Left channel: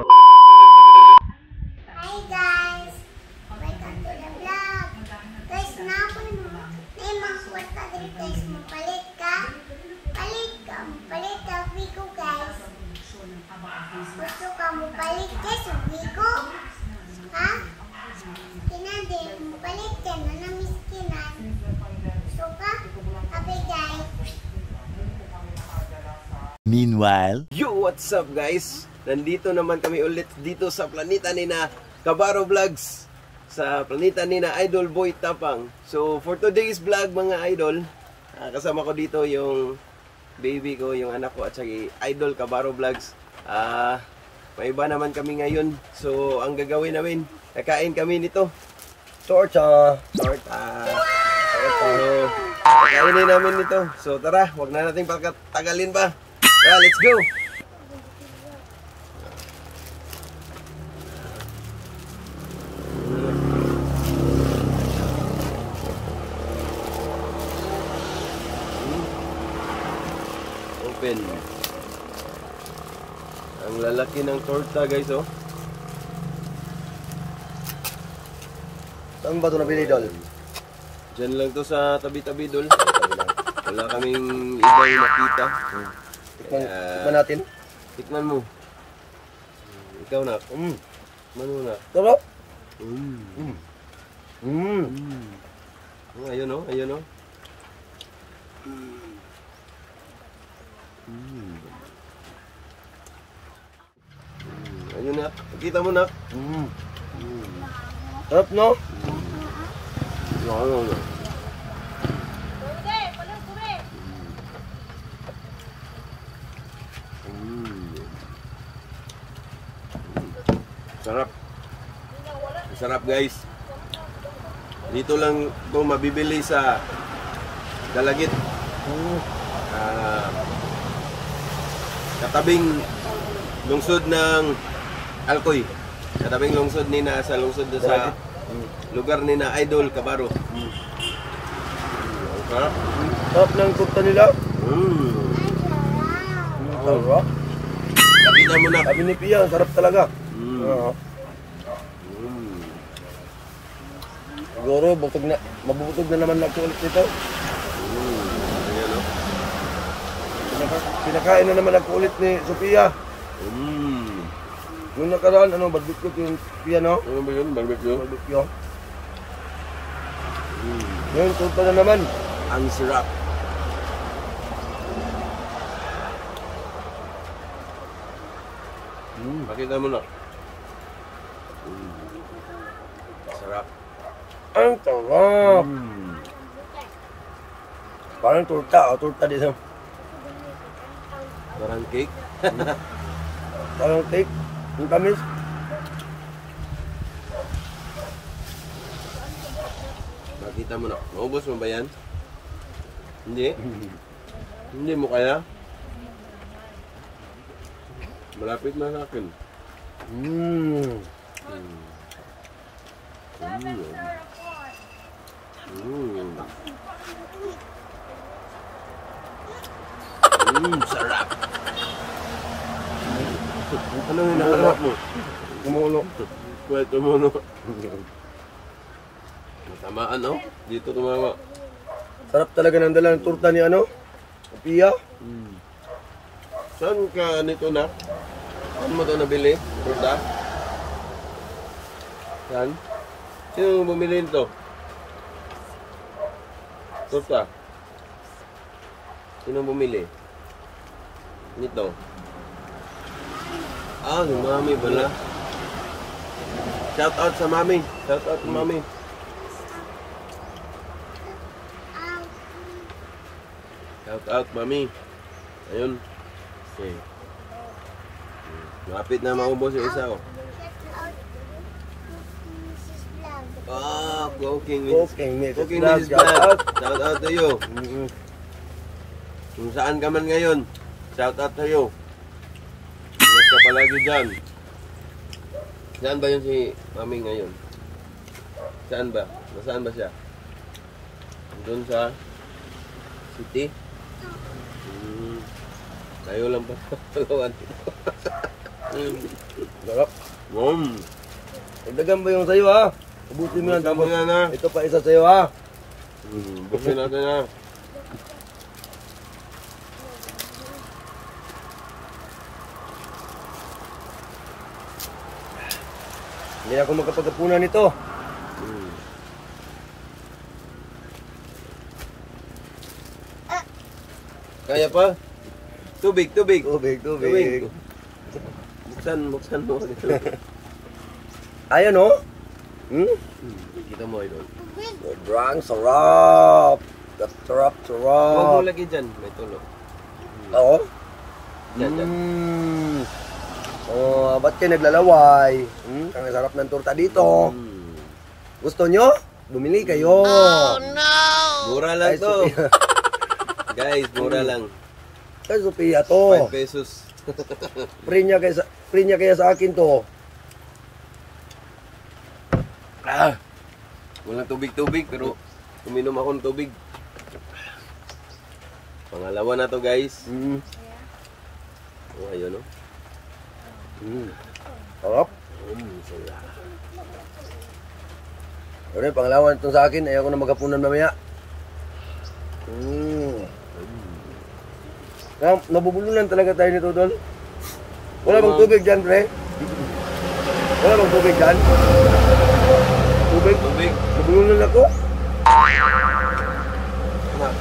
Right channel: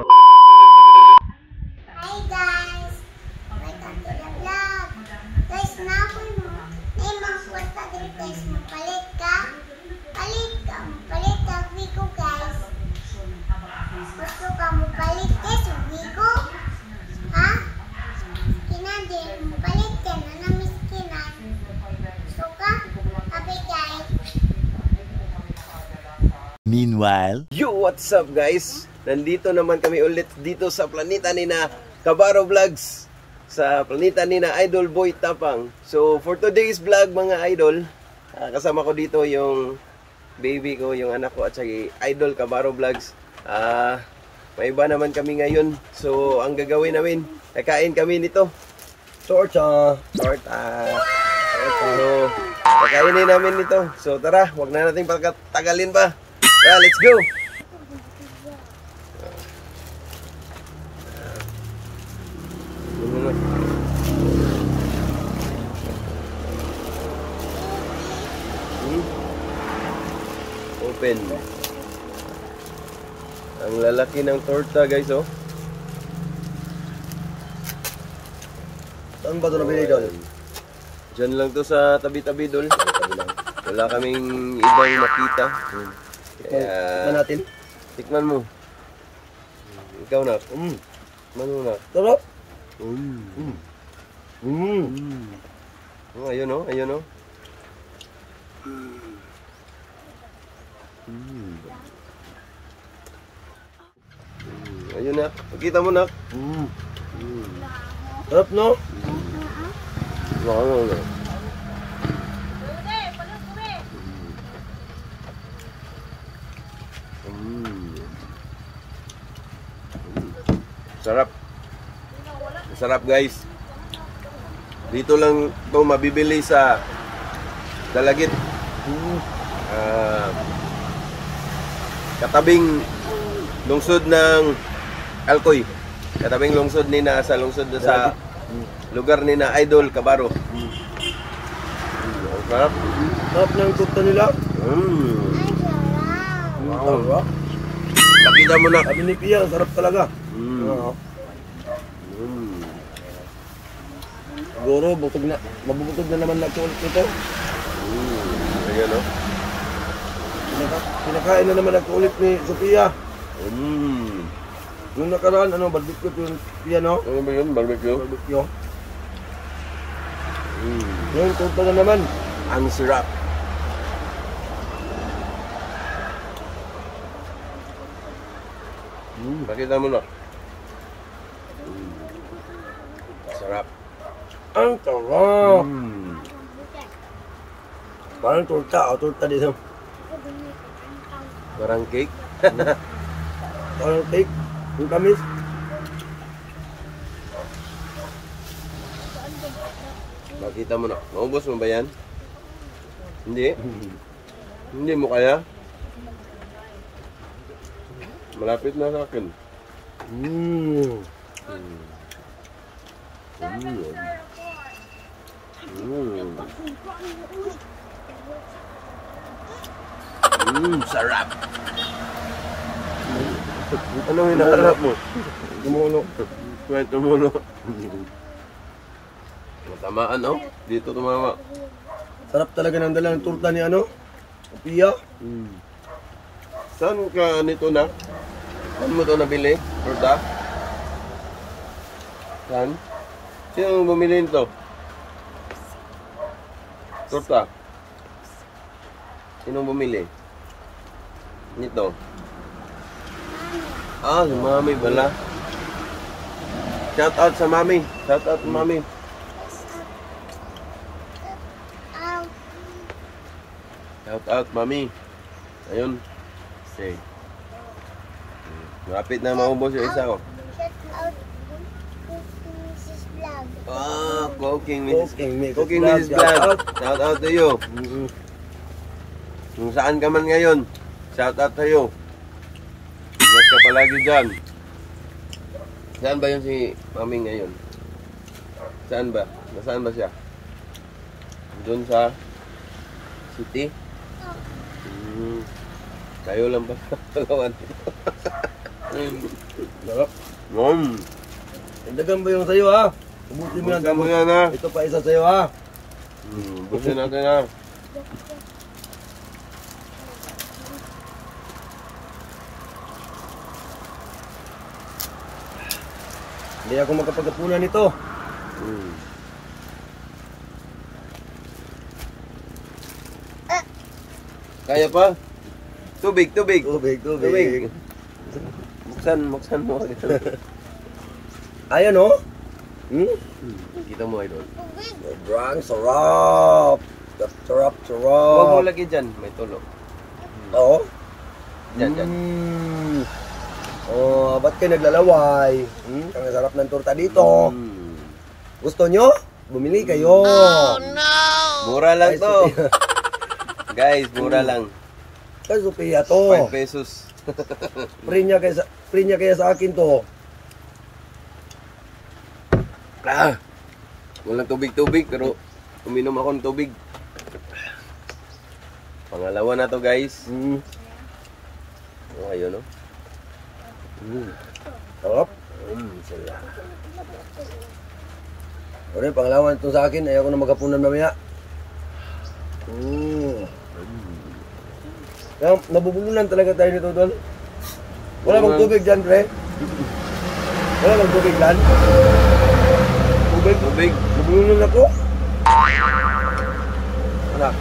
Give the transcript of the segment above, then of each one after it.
Hi guys! Welcome to the vlog! Guys, napoy mo. May mga kwarta din guys. Mapalit ka? Palit ka. Mapalit ka. Wiko guys. Gusto ka mapalit guys. Wiko? Ha? Kinadi. Mapalit ka na na miskinan. Gusto ka? Happy guys. Meanwhile, Yo, what's up guys? Nandito naman kami ulit dito sa planeta ni na Kabaro Vlogs, sa planeta ni na Idol Boy Tapang. So for today's vlog mga idol, kasama ko dito yung baby ko, yung anak ko at saka Idol Kabaro Vlogs. May iba naman kami ngayon. So ang gagawin namin, kakain kami nito. Torta. Kakainin namin nito. So tara, wag na nating pagkatagalin pa. Tara, let's go! Open. Ang lalaki ng torta guys, oh. Saan ba ito nabili, Dol? Diyan lang to sa tabi-tabi, Dol. Wala kaming ibang makita. Tikman natin. Tikman mo. Ikaw na. Tikman mo na. Sarap! Oh, ayun oh, ayun oh. Ayun na. Pakita mo na. Sarap, no? Ano. Sarap. Sarap guys. Dito lang ito mabibili sa Dalagit. Katabing lungsod ng Alcoy. Katabing lungsod ni na sa lungsod na sa lugar ni na Idol Kabaro. Sarap. Sarap ng kurta nila. Ay, sarap. Sarap. Pakita mo na. Sabi ni Pia, sarap talaga. Siguro, mabubutog na naman na ulit nito. Ayan o. Pinakain na naman ako ulit ni Sophia. Nung nakaraan, barbecue yung Pia, no? Ano ba yun? Barbecue? Barbecue. Ngayon, kurta na naman. Ang sarap. Pakita mo na. Sarap. Ang sarap. Parang turta, turta dito. Parang cake. Parang cake. Yung tamis. Makita mo na. Maubos mo ba yan? Hindi? Hindi mo kaya? Malapit na sa akin. Sarap. Anong hinahanap mo? Tumulo. Pwede tumulo. Matamaan oh. Dito tumama. Sarap talaga ng dala ng turta ni Pia. Saan ka nito na? Saan mo ito nabili? Turta? Saan? Sino bumili nito? Turta? Sino bumili? Nito? Si mami bala. Shout out sa mami. Shout out sa mami. Shout out mami. Ayun. Okay. Malapit na maubos yung isa ko. Cooking Mrs. Vlog. Shout out to you. Kung saan ka man ngayon, shout out to you. Ingat ka palagi dyan. Saan ba yun si Mami ngayon? Saan ba? Nasaan ba siya? Doon sa city? Kayo lang pa. Dalawan. Sarap. Mm. Dagan ba yung sa'yo ha? Ubusin mo yan. Ubusin mo yan, ha? Ito pa isa sa'yo ha? Busin natin ha. Hindi ako makapagkapunan nito. Kaya pa? Tubig. Tubig. Buksan mo. Ayan o. Kita mo, idol. Sobrang sarap. Sarap. Huwag mo lagi dyan. May tulo. Oo. Dyan. Ba't kayo naglalaway? Ang sarap ng torta dito. Gusto nyo? Bumili kayo. Oh no! Mura lang to. Guys, mura lang. Kay Sophia to. 5 pesos. Free niya kaya sa akin to. Walang tubig pero uminom ako ng tubig. Pangalawa na to, guys. Ayun, no? Sarap. Pero yung pangalawan ito sa akin, ayaw ko na magkapunan mamaya. Nabubulunan talaga tayo nito, Dol. Wala bang tubig dyan, Pre? Wala bang tubig dyan? Tubig? Nabulunan ako? Anak.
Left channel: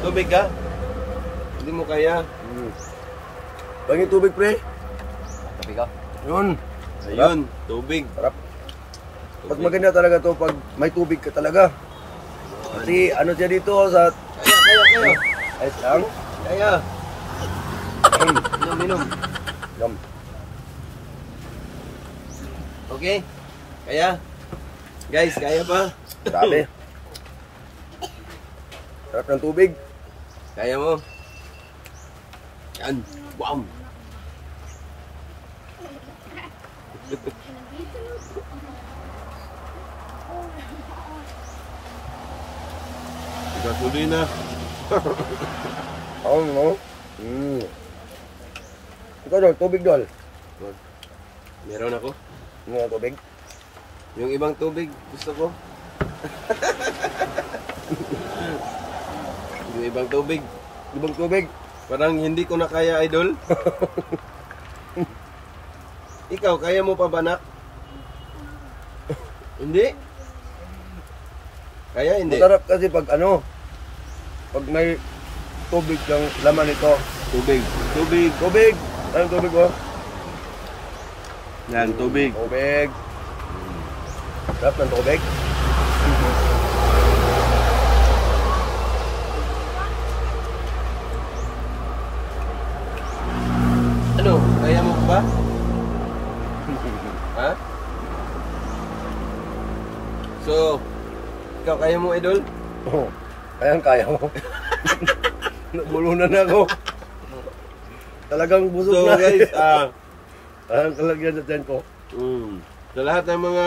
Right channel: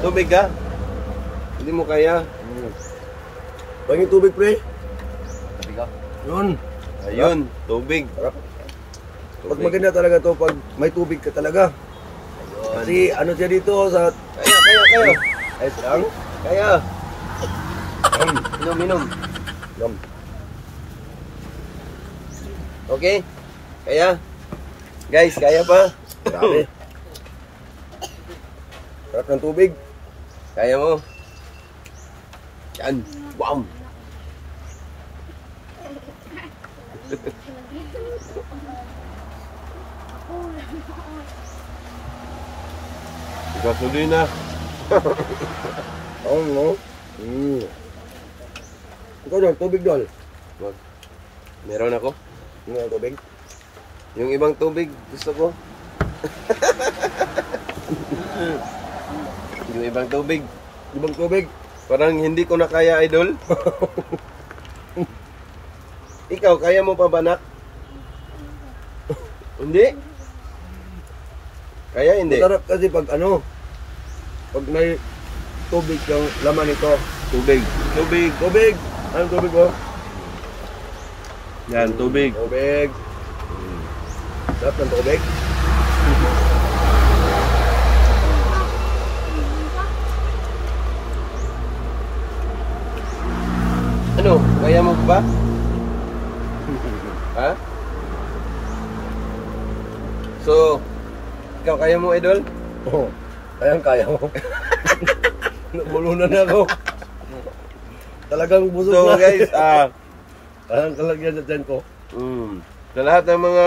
Tubig ka? Hindi mo kaya? Bagi tubig, Pre? Tubig ka? Yun. Ayun, tubig. Sarap. Mas maganda talaga to pag may tubig ka talaga. Kasi ano siya dito sa... Kaya. Ay, lang. Kaya. Inom. Yum. Okay? Kaya? Guys, kaya pa? Grabe. Sarap ng tubig. Kaya mo? Yan. Wow. Gasolina. Oo, no? Ikaw, Dol, tubig, Dol. Meron ako. Yung tubig. Yung ibang tubig, gusto ko. Yung ibang tubig. Ibang tubig. Parang hindi ko na kaya, idol. Ikaw, kaya mo pa ba, nak? Hindi? Kaya hindi? Masarap kasi pag ano, pag may tubig ng laman ito. Tubig. Tubig! Anong tubig ko? Yan, tubig. Tubig. Sarap ng tubig. Ano? Kaya mo ba? Ha? So, ikaw kaya mo, idol? Oo. Kaya mo. Nabulunan na ako. Talagang busog So, na. guys, Ang kalagyan sa tiyan ko. sa lahat ng mga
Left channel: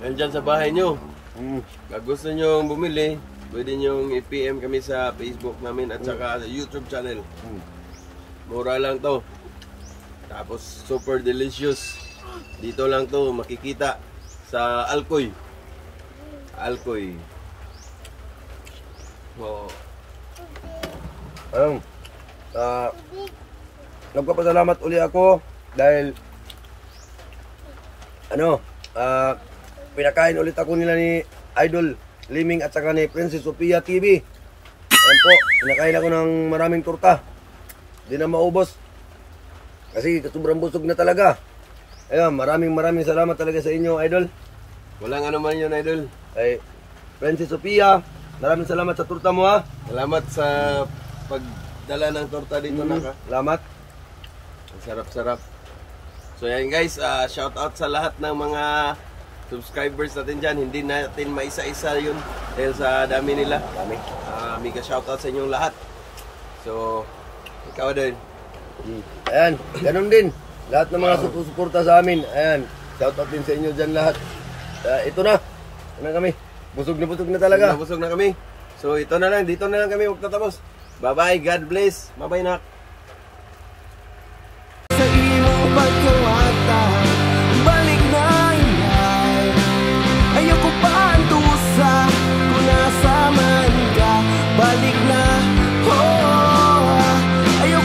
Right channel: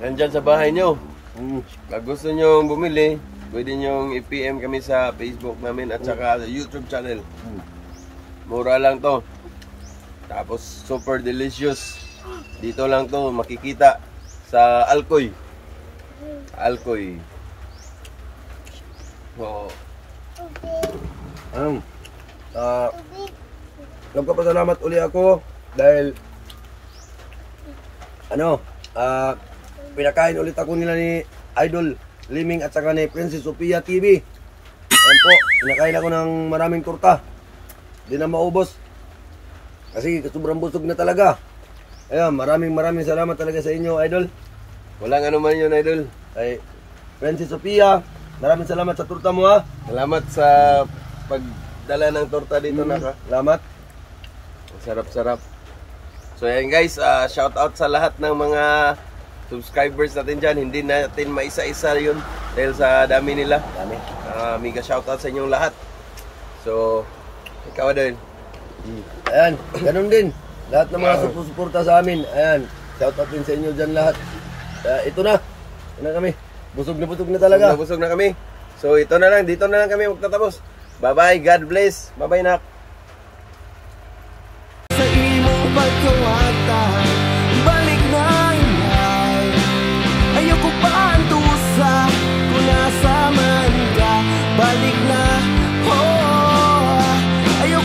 nandyan sa bahay nyo, pag gusto nyo bumili, pwede nyo i-PM kami sa Facebook namin at saka sa YouTube channel. Mura lang to. Tapos super delicious. Dito lang to makikita sa Alcoy. So, nagpapasalamat uli ako dahil pinakain ulit ako nila ni Idol Liming at saka ni Princess Sophia TV. Ayan po, pinakain ako ng maraming torta. Di na maubos kasi sobrang busog na talaga. Ayan, maraming salamat talaga sa inyo, Idol. walang ano man yun, idol. Ay, Princess Sophia, maraming salamat sa torta mo, ha. Salamat sa pagdala ng torta dito, naka. Salamat. Ang sarap-sarap. So yan guys, shout out sa lahat ng mga subscribers natin dyan. Hindi natin maisa-isa yun dahil sa dami nila. Mega shout out sa inyong lahat. So, ikaw din. Ayan, ganun din. Lahat ng mga suporta sa amin. Ayan, shout out din sa inyo dyan lahat. Ito na. Ano kami? Busog na talaga. Busog na kami. So ito na lang, dito na lang kami magtatapos. Bye-bye, God bless. Bye-bye, nak.